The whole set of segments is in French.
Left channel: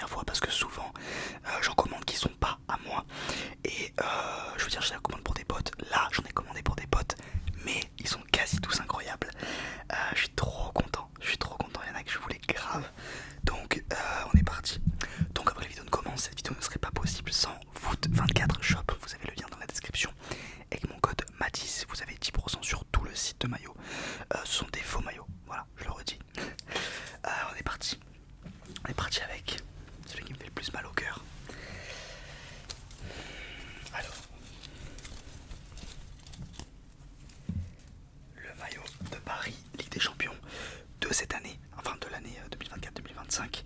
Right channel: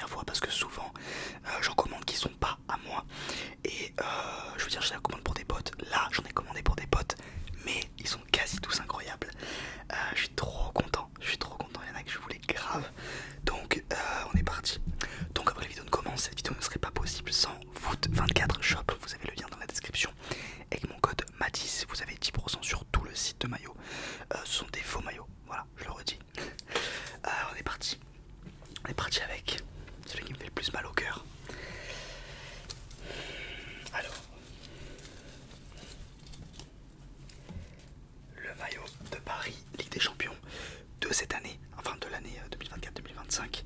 première fois parce que souvent j'en commande qui sont pas à moi. Et je veux dire, je les commande pour des potes. Là, j'en ai commandé pour des potes, mais ils sont quasi tous incroyables. Je suis trop content, il y en a que je voulais grave. Donc on est parti. Donc après la vidéo ne commence, cette vidéo ne serait pas possible sans Foot24 Shop. Vous avez le lien dans la description. Avec mon code Matisse, vous avez 10% sur tout le site de maillots. Ce sont des faux maillots, voilà, je le redis. On est parti. On est parti avec celui qui me fait le plus mal au cœur. Alors, le maillot de Paris, Ligue des Champions de cette année, enfin de l'année 2024-2025.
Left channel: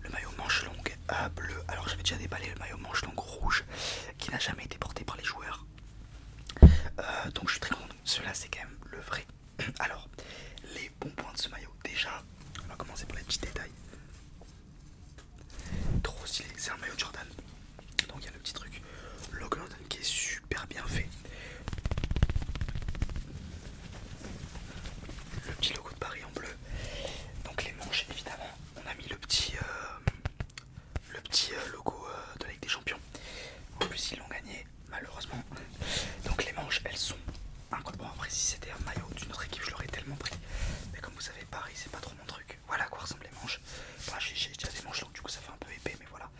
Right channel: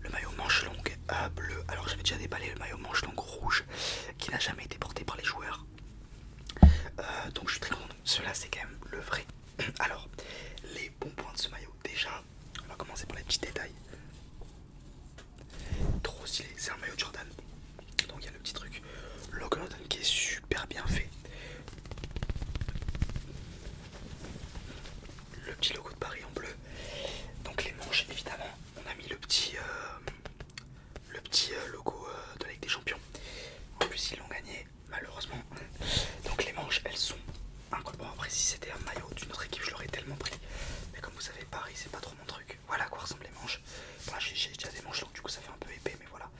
Le maillot manche longue bleu. Alors j'avais déjà déballé le maillot manche longue rouge qui n'a jamais été porté par les joueurs. Donc je suis très content. Celui-là c'est quand même le vrai. Alors, les bons points de ce maillot. Déjà, on va commencer par les petits détails. Trop stylé, c'est un maillot Jordan. Donc il y a le petit truc logo Jordan qui est super bien fait. Le petit logo de Paris en bleu. Donc les manches, évidemment, on a mis le petit logo de la Ligue des Champions. En plus ils l'ont gagné, malheureusement. Donc les manches, elles sont incroyables. Bon, après si c'était un maillot d'une autre équipe, je l'aurais tellement pris. Mais comme vous savez, Paris c'est pas trop mon truc. Voilà à quoi ressemblent les manches. Voilà, j'ai déjà des manches longues, du coup ça fait un peu épais, mais voilà.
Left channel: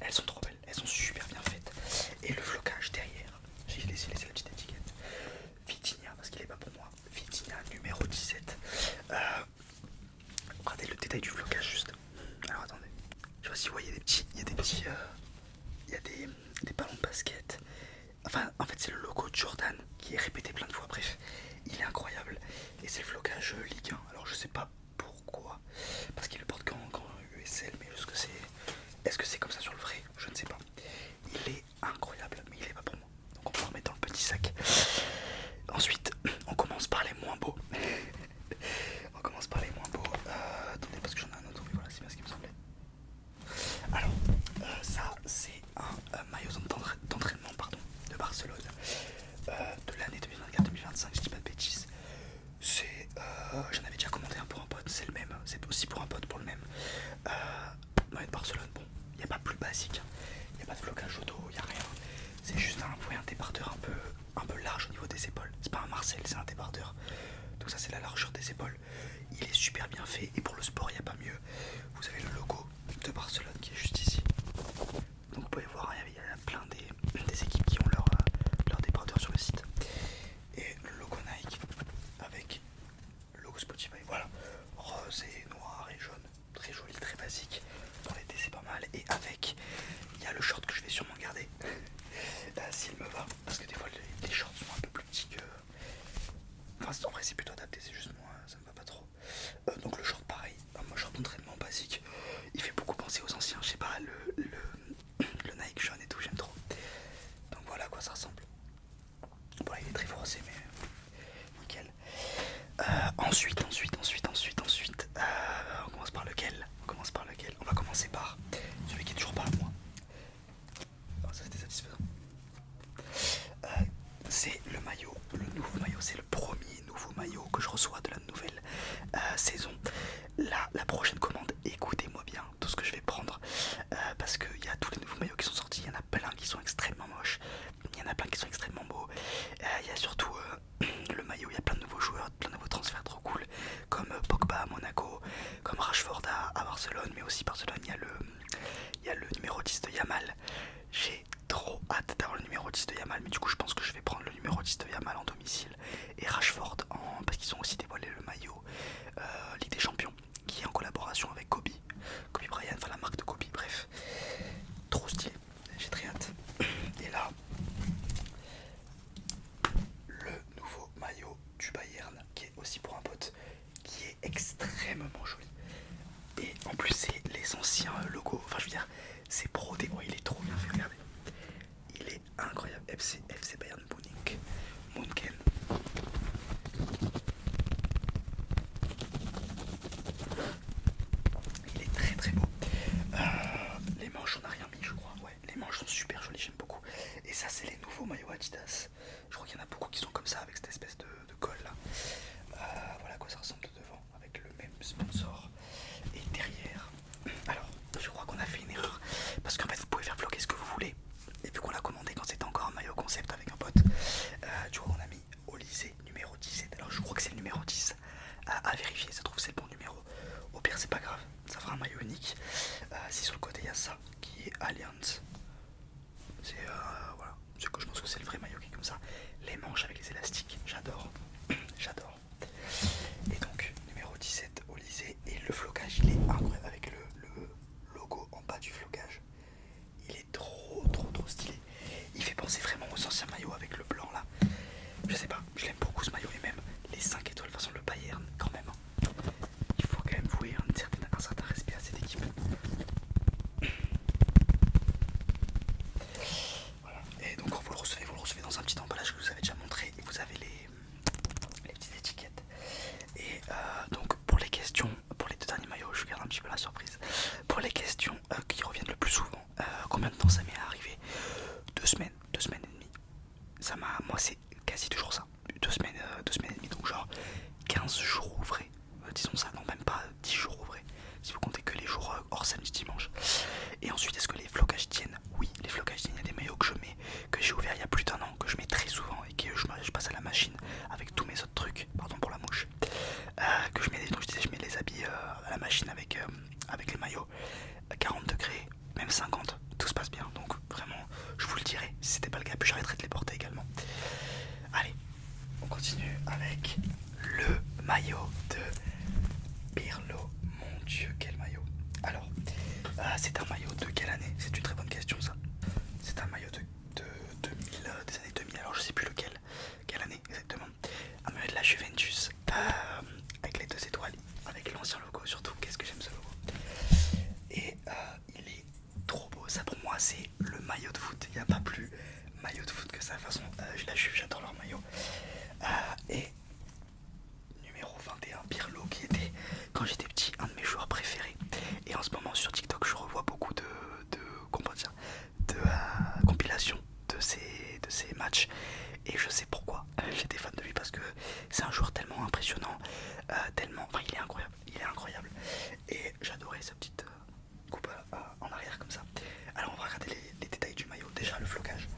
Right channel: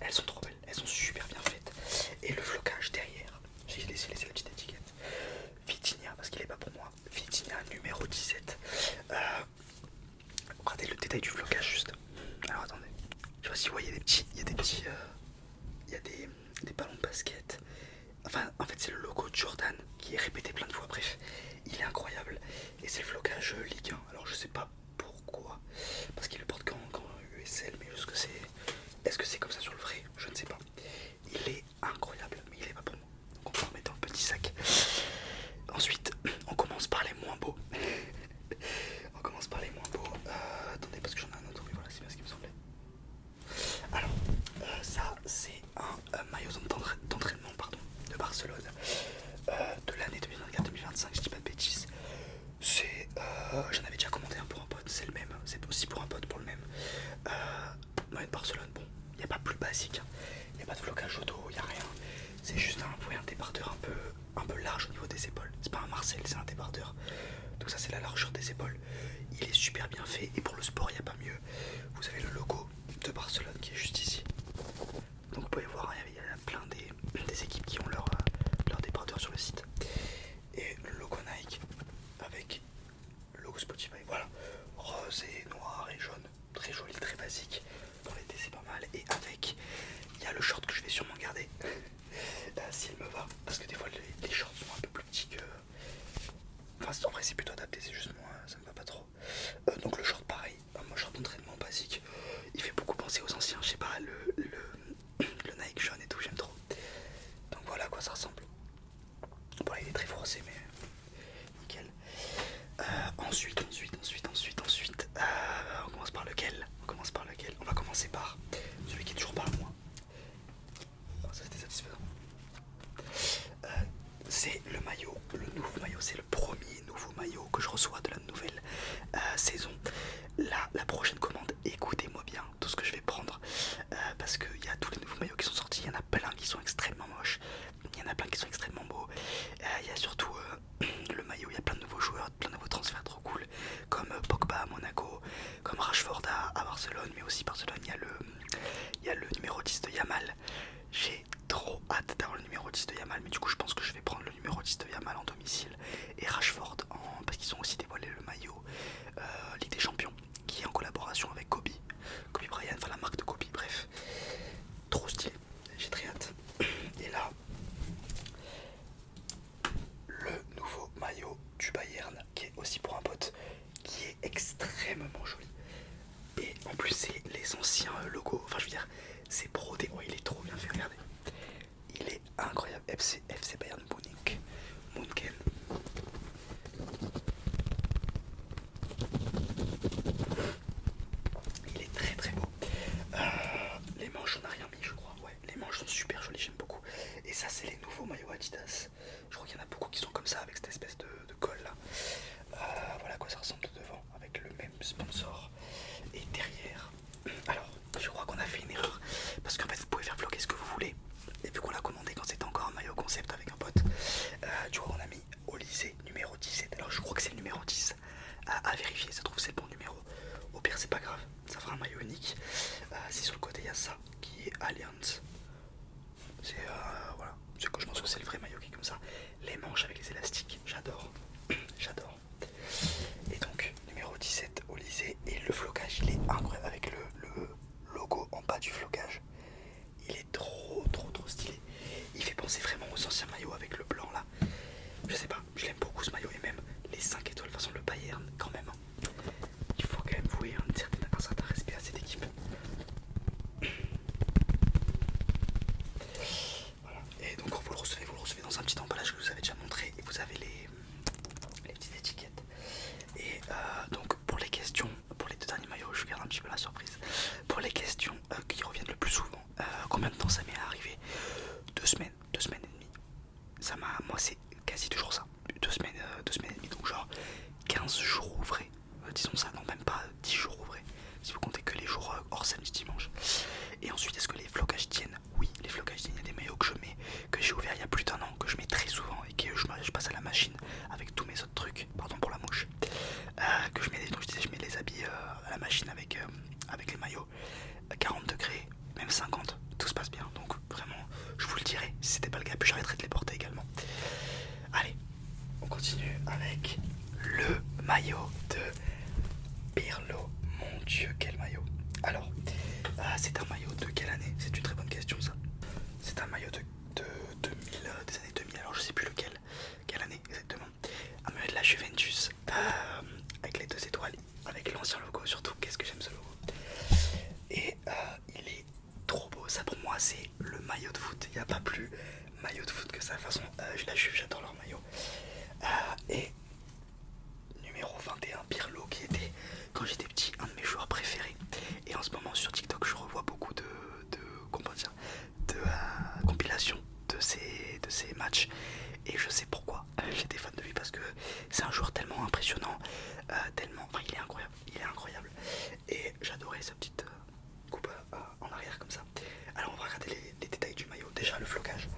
Elles sont trop belles, elles sont super bien faites. Et le flocage derrière, j'ai laissé la petite étiquette Vitinha, parce qu'il est pas pour moi. Vitinha numéro 17. Regardez le détail du flocage juste. Alors attendez, je sais pas si vous voyez des petits, il y a des petits, il y a des ballons de basket. Enfin, en fait, c'est le logo de Jordan qui est répété plein de fois. Bref, il est incroyable. Et c'est le flocage Ligue 1. Alors, je sais pas pourquoi. Parce qu'il le porte qu'en USL. Mais est-ce que c'est comme ça sur le vrai? Je ne sais pas. Il est incroyable. Mais il est pas pour moi. Donc, on peut le remettre dans le petit sac. Ensuite, on commence par les moins beaux. On commence par les moins beaux. Attendez, parce que j'en ai un autre. Oui, voilà, c'est bien ce qui me semblait. Alors, ça, c'est un maillot d'entraînement, pardon, de Barcelone de l'année 2024-2025, je dis pas de bêtises. C'est, j'en avais déjà commandé un pour un pote, c'est le même, c'est aussi pour un pote pour le même. Maillot de Barcelone, bon, il n'y a pas plus basique, il n'y a pas de flocage auto, il n'y a rien. C'est juste un débardeur un peu large au niveau des épaules. C'est pas un Marcel, c'est un débardeur. Donc ça c'est la largeur des épaules. Il est super bien fait et pour le sport il n'y a pas mieux. Vous avez le logo de Barcelone qui est juste ici. Donc vous pouvez voir, il y a plein des équipes qui ont leur débardeur sur le site. Et le logo Nike avec le logo Spotify. Voilà, rose et noir et jaune. Très joli, très basique. Pour l'été c'est pas mal. Et avec, il y a le short que je vais sûrement garder. S'il me va. Parce que des fois les shorts sont un peu plus petits que... Enfin en vrai c'est plutôt adapté, c'est juste moi, ça me va pas trop. Donc le short pareil, un short d'entraînement basique. Il fait beaucoup penser aux anciens, je sais pas, le Nike jaune et tout, j'aime trop. Donc voilà à quoi ça ressemble. Bon là il est très froissé mais nickel. Ensuite, on commence par lequel? On va commencer par celui qui est toujours pas à moi. Oh, ça c'était satisfaisant. C'est le maillot, le nouveau maillot, c'est le premier nouveau maillot que je reçois de la nouvelle saison. Là, la prochaine commande, écoutez-moi bien tout ce que je vais prendre parce qu'il y a tous les nouveaux maillots qui sont sortis, il y en a plein qui sont extrêmement moches, il y en a plein qui sont extrêmement beaux. Il y a surtout le maillot, il y a plein de nouveaux joueurs, plein de nouveaux transferts trop cool, comme Pogba à Monaco, comme Rashford à Barcelone, mais aussi Barcelone, il y a le numéro 10 de Yamal. J'ai trop hâte d'avoir le numéro 10 de Yamal, mais du coup je pense que je vais prendre le numéro 10 de Yamal en domicile et Rashford parce qu'ils ont aussi dévoilé le maillot Ligue des Champions qui est en collaboration avec Kobe Bryant, enfin la marque de Kobe, bref, trop stylé, j'ai très hâte. Et là, le nouveau maillot du Bayern qui est aussi pour un pote, qui est extrêmement joli. Et en plus c'est les anciens logos, enfin je veux dire c'est brodé, oh il est trop bien fait, regardez. Il est incroyable, FC Bayern Munich, Munchen. Il est très très beau. Les manches on n'a rien mis je crois, ouais les manches sont super jolies, j'aime beaucoup. Et ça c'est les nouveaux maillots Adidas. Je crois qu'il y en a beaucoup qui sont comme ça avec cette espèce de colle là. Voilà à quoi ça ressemble de devant avec le même sponsor. Et derrière, alors je crois qu'on a fait a ça qui est Allianz. C'est voilà, je pense que c'est le vrai maillot qui est comme ça. Les manches avec les élastiques, j'adore. J'adore. Et donc numéro 17 au lycée. Et le flocage il est incroyable avec le logo en bas du flocage. Il est trop stylé. Il fait penser vraiment aux anciens maillots avec le blanc là. Je sais pas, je l'aime beaucoup ce maillot. Et même les 5 étoiles façon le Bayern quand même. Il faut quand même vouer un certain respect à cette équipe. Voilà. Et donc vous le recevez dans un petit emballage que je vous avais déjà montré. Et vous avez les petites étiquettes. Et donc pour les questions, pour les deux derniers maillots, je garde un petit peu la surprise. Pour les questions qui reviennent le plus souvent, combien de temps ça m'est arrivé? 2 semaines, 2 semaines et demie. Moi c'est quasi toujours ça. 2 semaines et demie, donc genre 15 jours ouvrés. Disons ça, non même pas 10 jours ouvrés. Si vous comptez que les jours hors samedi dimanche. Et ensuite, est-ce que les flocages tiennent? Oui, les flocages tiennent. Il y a des maillots que je mets, que j'ai ouvert il y a plus d'un an, que je mets très souvent et que je passe à la machine avec tous mes autres trucs. Pardon pour la mouche. Que je mets, donc je disais, je mets les habits à la machine avec les maillots. 40 degrés, même 50, tout se passe bien. Donc vraiment, je vous le dirai. Si c'était pas le cas, puis j'arrêterai de les porter également. Allez, on continue avec le maillot de Pirlo. Mon Dieu, quel maillot! Alors, c'est un maillot de quelle année? C'est une très bonne question ça. C'est un maillot de 2000, des années 2000, alors je sais plus quelle année exactement. Un maillot de la Juventus, avec les 2 étoiles, avec l'ancien logo surtout. Qu'est-ce que j'aime ce logo! Et il est trop beau, ça pour moi c'est le maillot de foot. Il n'y a pas plus maillot de foot que ça. De toute façon, la Juve, j'adore leur maillot. Et numéro 21, Pirlo, qui était, quand j'étais petit, un de mes joueurs préférés. Et en ce moment sur TikTok, je revois beaucoup de compilations de ces matchs. Et je sais pourquoi j'étais fan de lui, parce que c'est un joueur tellement impressionnant, enfin il est incroyable. Et j'adorais sa petite coupe en arrière comme ça. Alors on va regarder les détails du maillot. Déjà le flocage.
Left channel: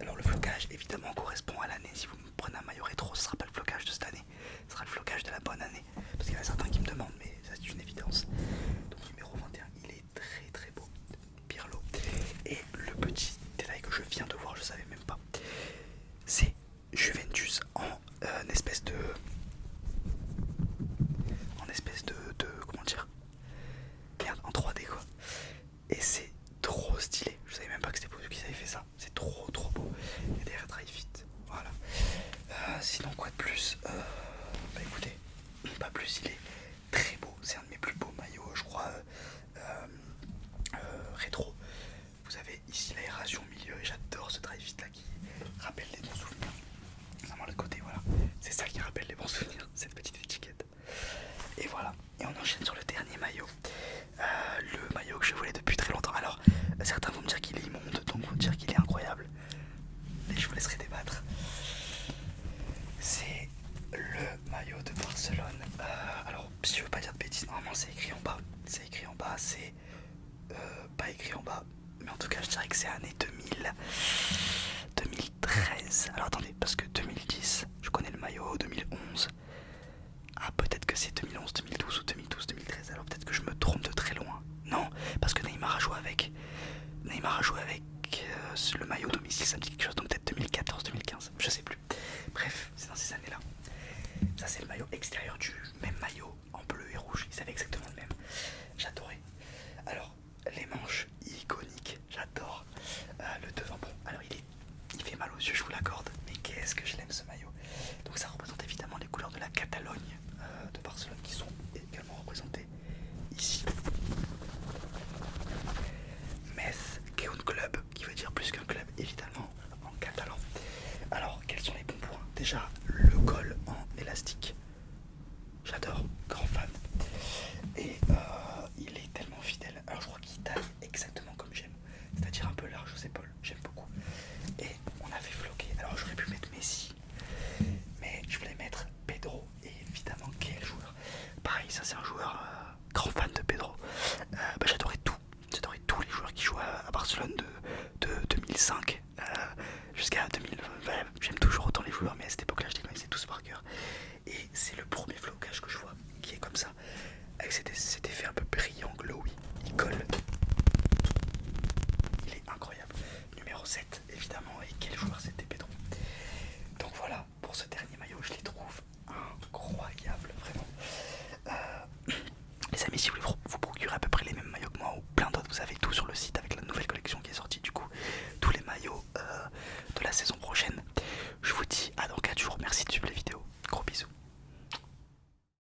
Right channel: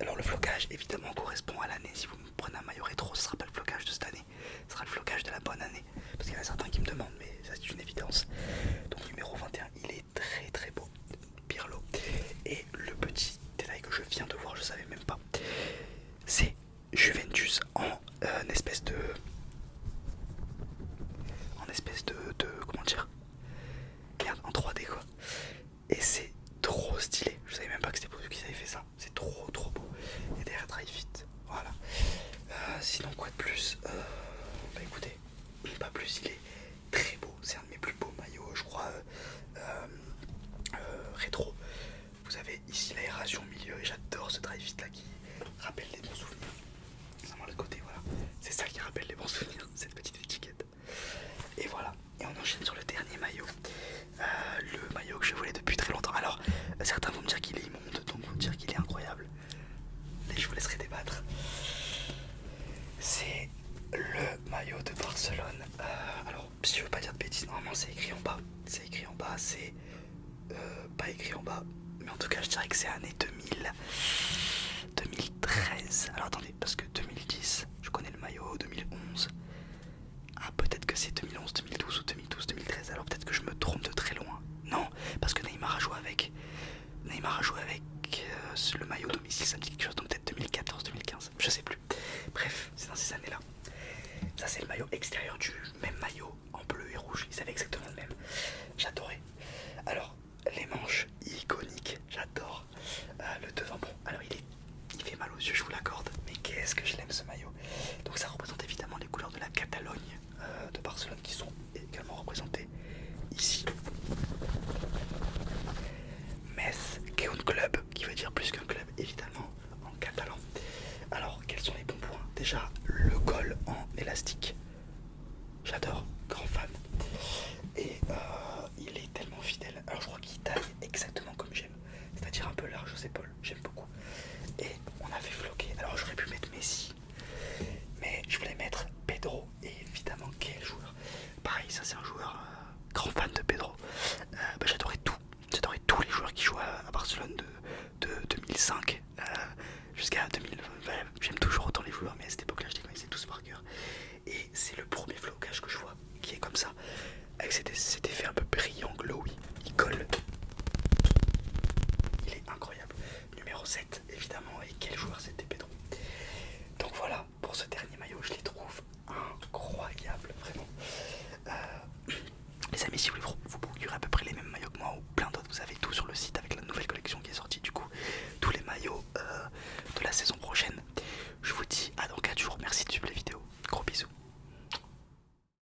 Alors le flocage évidemment correspond à l'année. Si vous me prenez un maillot rétro, ce sera pas le flocage de cette année, ce sera le flocage de la bonne année. Parce qu'il y en a certains qui me demandent, mais ça c'est une évidence. Donc numéro 21, il est très beau, Pirlo. Et le petit détail que je viens de voir, je savais même pas, c'est Juventus en espèce de comment dire, merde, en 3D quoi. Et c'est trop stylé. Je savais même pas que c'était pour eux qu'ils avaient fait ça. C'est trop beau. Et derrière Dry Fit. Voilà. Sinon quoi de plus, bah écoutez, pas plus, il est très beau. C'est un de mes plus beaux maillots, je crois, rétro. Vous avez ici l'aération au milieu et j'adore ce Dry Fit là qui rappelle les bons souvenirs. Vraiment le côté, voilà. C'est ça qui rappelle les bons souvenirs, cette petite étiquette. Et voilà. Et on enchaîne sur le dernier maillot. Le maillot que je voulais depuis très longtemps. Alors, certains vont me dire qu'il est immonde, d'autres vont me dire qu'il est incroyable. Et je vous laisserai débattre. C'est le maillot de Barcelone. Alors, si je veux pas dire de bêtises, normalement c'est écrit en bas. C'est écrit en bas, c'est pas écrit en bas. Mais en tout cas, je dirais que c'est année 2000. 2013. Alors attendez, parce que 2010, je connais le maillot, 2011. Ah, peut-être que c'est 2011, 2012 ou 2012, 2013. Alors peut-être que je me trompe de très loin. Non, parce que Neymar a joué avec le maillot domicile, ça me dit quelque chose. Donc peut-être 2014, 2015, je sais plus. Bref, c'est dans ces années-là. Ça c'est le maillot extérieur du même maillot en bleu et rouge. Ils avaient exactement le même. J'adorais. Alors les manches iconiques, j'adore. Le devant, bon, alors il fait mal aux yeux, je vous l'accorde. Mais qu'est-ce que je l'aime ce maillot. Donc ça représente évidemment les couleurs de la Catalogne de Barcelone qui sont également représentées ici. Metz, qui est un club, qui veut dire plus qu'un club évidemment en catalan. Alors quels sont les bons points? Déjà le col en élastique, j'adore, grand fan. Et il est tellement fidèle. Alors je crois qu'il taille exactement comme j'aime, c'est-à-dire un peu large aux épaules, j'aime beaucoup. Et on avait floqué, alors j'aurais pu mettre Messi, mais je voulais mettre Pedro. Et évidemment quel joueur. Pareil, ça c'est un joueur grand fan de Pedro. J'adorais tous les joueurs qui jouent à Barcelone de 2005 jusqu'à 2020. J'aime toujours autant les joueurs, mais à cette époque là je les connaissais tous par cœur. Et c'est le premier flocage que je vois qui est comme ça, avec cet effet un peu brillant, glowy. Il colle 7 évidemment. Et quel joueur c'était Pedro. Donc voilà, pour ce dernier maillot, je les trouve incroyables, vraiment. Les amis, si vous